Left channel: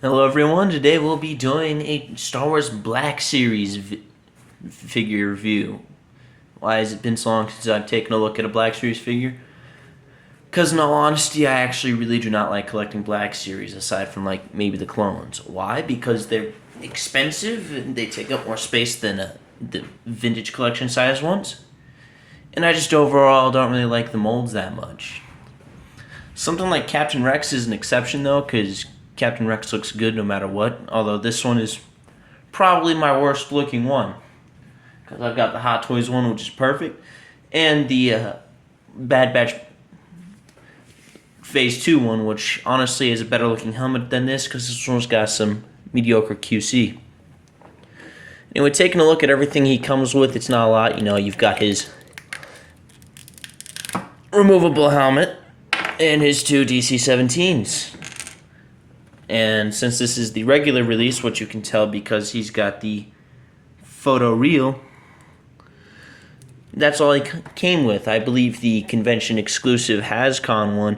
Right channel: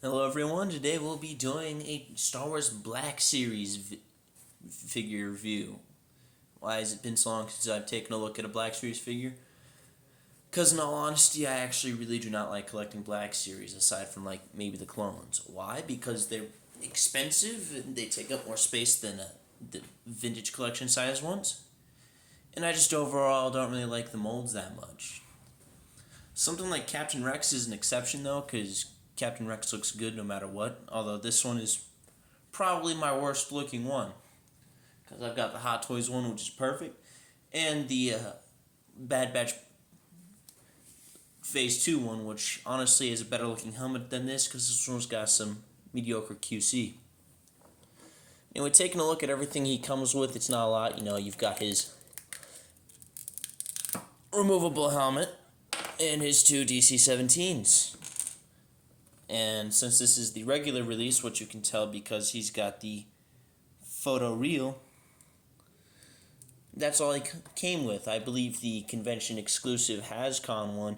Hello everyone, today we'll be doing a Star Wars Black Series figure review. Why has it been so long since I've taken a look at a Black Series figure? Because in all honesty, I actually really do not like collecting Black Series aside from like maybe the clones. Why? Because they're expensive and they take up more space than the vintage collection size ones. And I just overall don't really like the molds that much. Something like Captain Rex is an exception though, because Captain Rex looks good no matter what. Although this one is probably my worst looking one, because I've got the Hot Toys one, which is perfect, and the Bad Batch Phase 2 one, which honestly is a better looking helmet than this, because this one's got some mediocre QC. Anyway, taking a look at everything he comes with, it's not a lot. You know, you've got his removable helmet and his two DC-17s. And since this is the regular release, which you can tell because he's got the photo reel, that's all he came with. I believe the convention exclusive HasCon one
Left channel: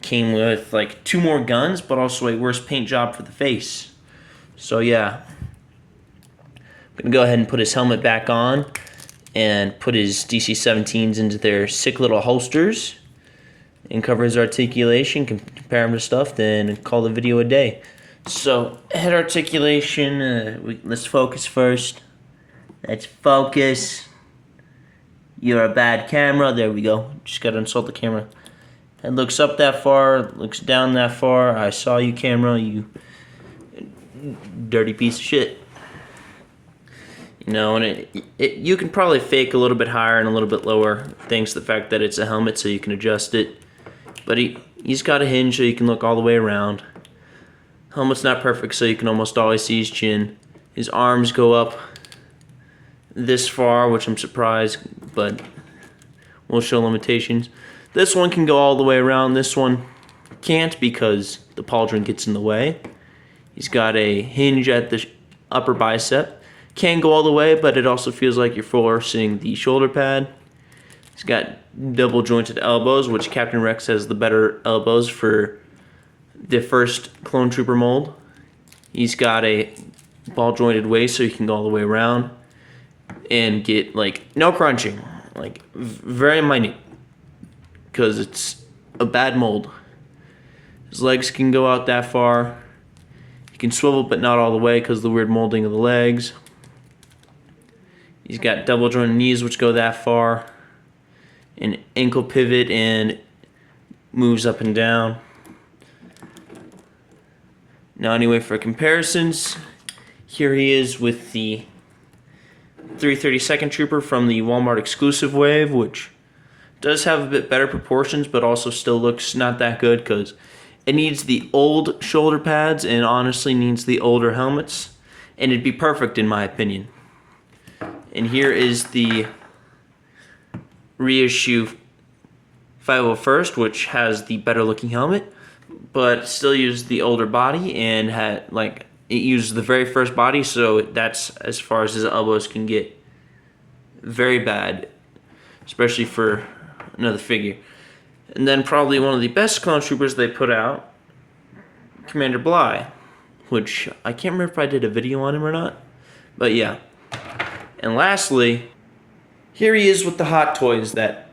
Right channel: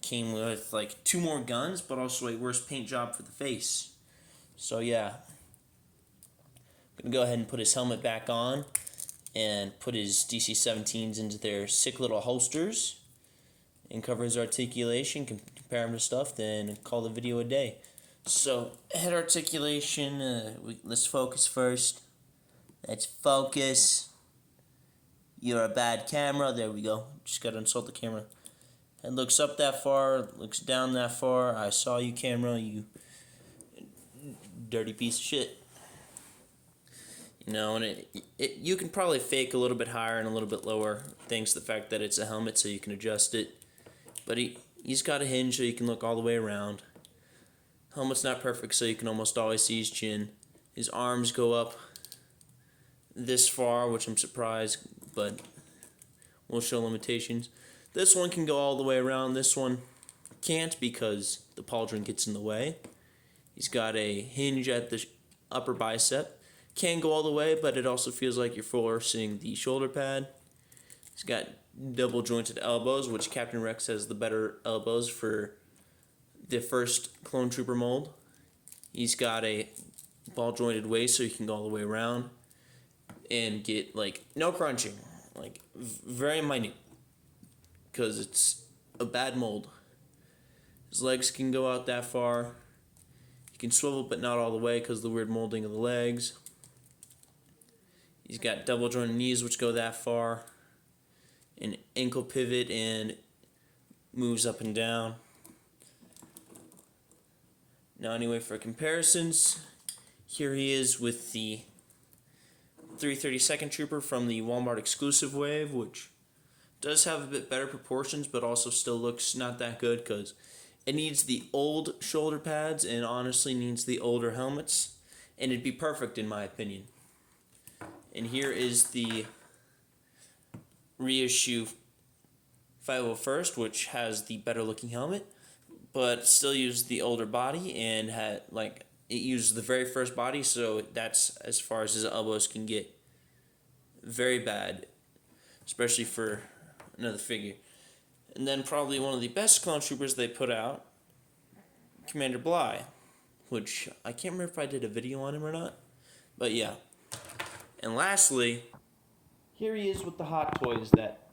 came with like 2 more guns, but also a worse paint job for the face. So yeah, I'm going to go ahead and put his helmet back on and put his DC-17s into their sick little holsters and cover his articulation, compare him to stuff, then call the video a day. So, head articulation, let's focus first. Let's focus. You're a bad camera. There we go. Just gotta insult the camera. Head looks up that far, looks down that far. I saw you, camera, you dirty piece of shit. You know, and you can probably fake a little bit higher and a little bit lower, thanks to the fact that it's a helmet, so you can adjust it. But he's got a hinge so you can look all the way around. Helmet's not perfect, so you can almost always see his chin. His arms go up this far, which I'm surprised, but we'll show limitations. This one can go all the way around. This one can't because the pauldron gets in the way. He's got a hinge at the upper bicep. Can go all the way, but it also feels like you're forcing the shoulder pad. He's got double jointed elbows, which Captain Rex has the better elbows for the first clone trooper mold. He's got a ball jointed waist so you can go all the way around and get like no crunching, like very minute, because it's a bad mold. His legs can go out that far. He can swivel but not all the way because of the weird molding of the legs. He's got double jointed knees which go that far. An ankle pivot and moves up and down. Now anyway, for comparisons, here he is with the 332nd Trooper from the Walmart exclusive wave, which does have a bit better proportions, but also still looks not that good because it needs the old shoulder pads and honestly needs the older helmets, and it'd be perfect in my opinion. And here is the reissue 501st, which has the better looking helmet, but still used the older body and had like it used the very first body, so that's as far as his elbows can get. Very bad, especially for another figure. And then probably one of the best clone troopers they put out, Commander Bly, which I can't remember if I did a video on him or not, but yeah. And lastly, here he is with the Hot Toys that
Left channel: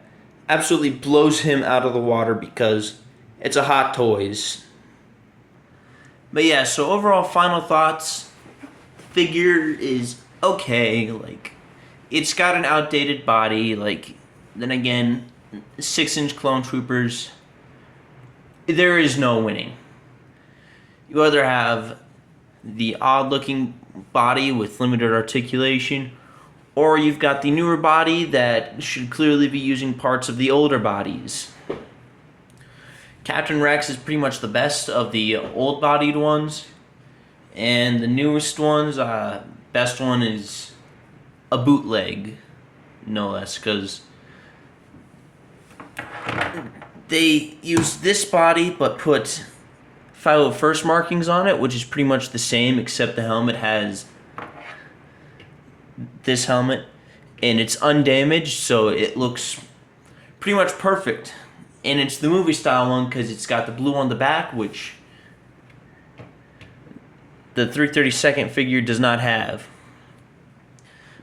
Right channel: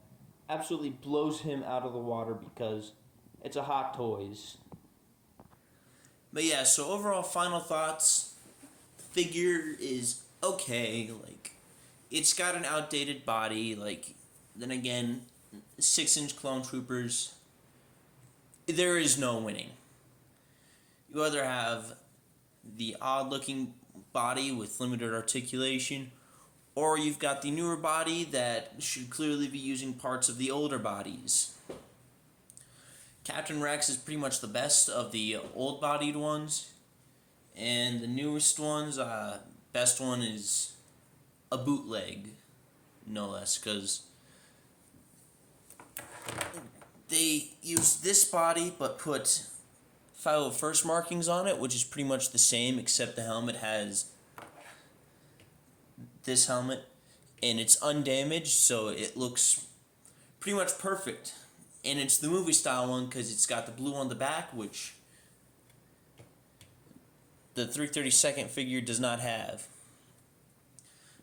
absolutely blows him out of the water because it's a Hot Toys. But yeah, so overall final thoughts, figure is okay, like it's got an outdated body, like then again, 6-inch clone troopers, there is no winning. You either have the odd looking body with limited articulation, or you've got the newer body that should clearly be using parts of the older bodies. Captain Rex is pretty much the best of the old-bodied ones, and the newest ones, best one is a bootleg, no less, because they use this body but put 501st markings on it, which is pretty much the same except the helmet has this helmet and it's undamaged, so it looks pretty much perfect. And it's the movie style one because it's got the blue on the back, which the 332nd figure does not have.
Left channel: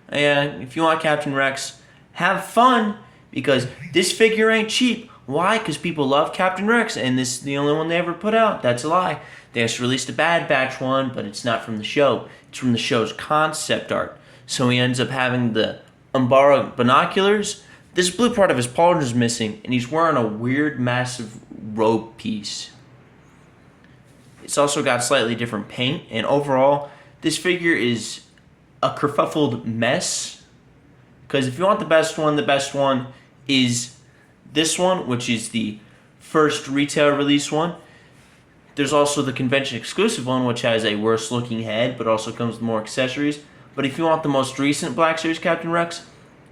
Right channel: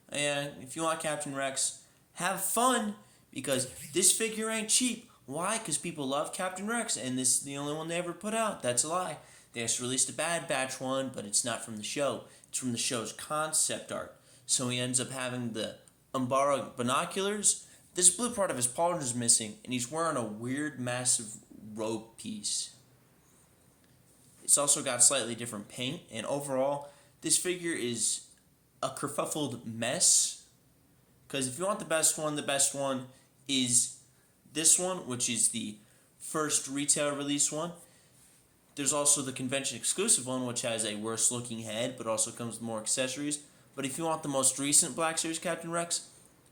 And if you want Captain Rex, have fun, because this figure ain't cheap. Why? Because people love Captain Rex, and this is the only one they ever put out. That's a lie. They just released a Bad Batch one, but it's not from the show. It's from the show's concept art. So he ends up having the Umbara binoculars. This blue part of his pauldron is missing, and he's wearing a weird, massive robe piece. It's also got slightly different paint, and overall, this figure is a kerfuffled mess. Because if you want the best one is this one, which is the first retail release one. There's also the convention exclusive one, which has a worse looking head, but also comes with more accessories. But if you want the most recent Black Series Captain Rex,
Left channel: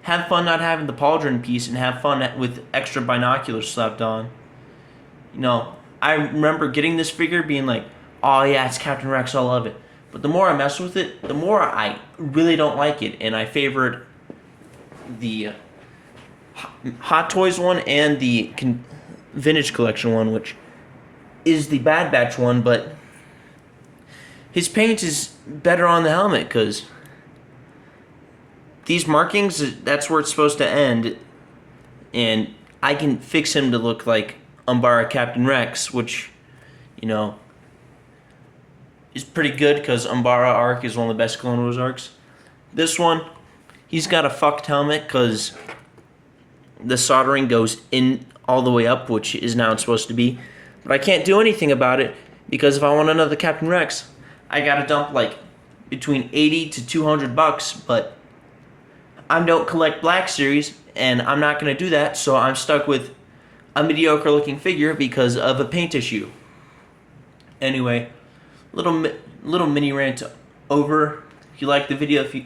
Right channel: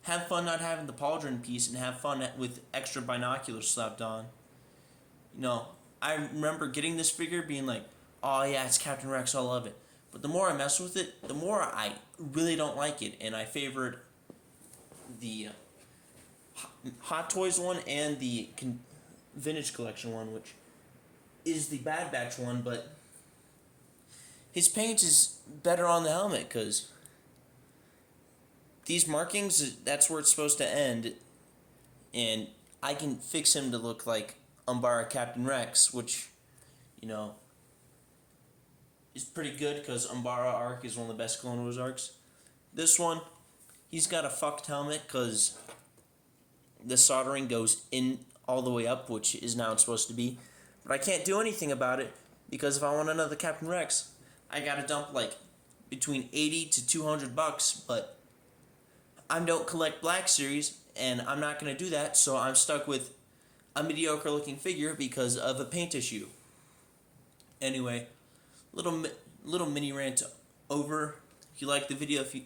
have fun not having the pauldron piece and have fun with extra binoculars slapped on. You know, I remember getting this figure being like, oh yeah, it's Captain Rex, I love it. But the more I mess with it, the more I really don't like it. And I favored the Hot Toys one and the Vintage Collection one, which is the Bad Batch one, but his paint is better on the helmet, because these markings, that's where it's supposed to end, and I can fix him to look like Umbara Captain Rex, which, you know, is pretty good, because Umbara arc is one of the best Clone Wars arcs. This one, he's got a fucked helmet, because the soldering goes in all the way up, which is now it's supposed to be. But I can't do anything about it, because if I want another Captain Rex, I gotta dump like between $80 to $200. But I don't collect Black Series, and I'm not gonna do that, so I'm stuck with a mediocre looking figure because of a paint issue. Anyway, little mini rant over. If you like the video, if you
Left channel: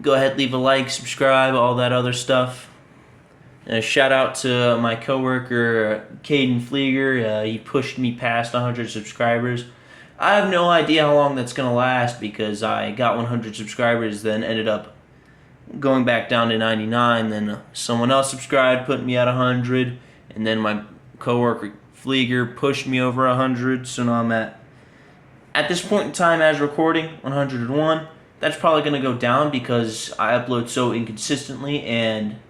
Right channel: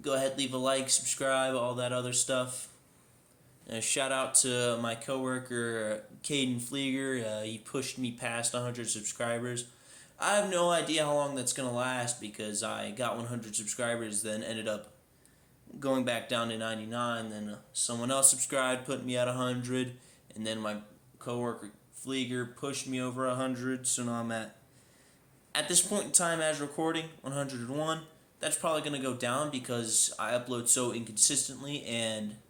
go ahead, leave a like, subscribe, all that other stuff. And a shout out to my coworker Pfliger. He pushed me past 100 subscribers. I have no idea how long that's gonna last, because I got 100 subscribers, then ended up going back down to 99. Then someone else subscribed, put me at 100, and then my coworker Pfliger pushed me over 100. So now I'm at this point in time, as recording, 101. That's probably gonna go down because I upload so inconsistently, and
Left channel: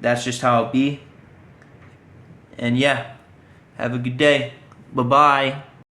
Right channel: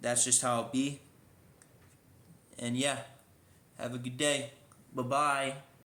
that's just how it be. And yeah, have a good day. Bye-bye.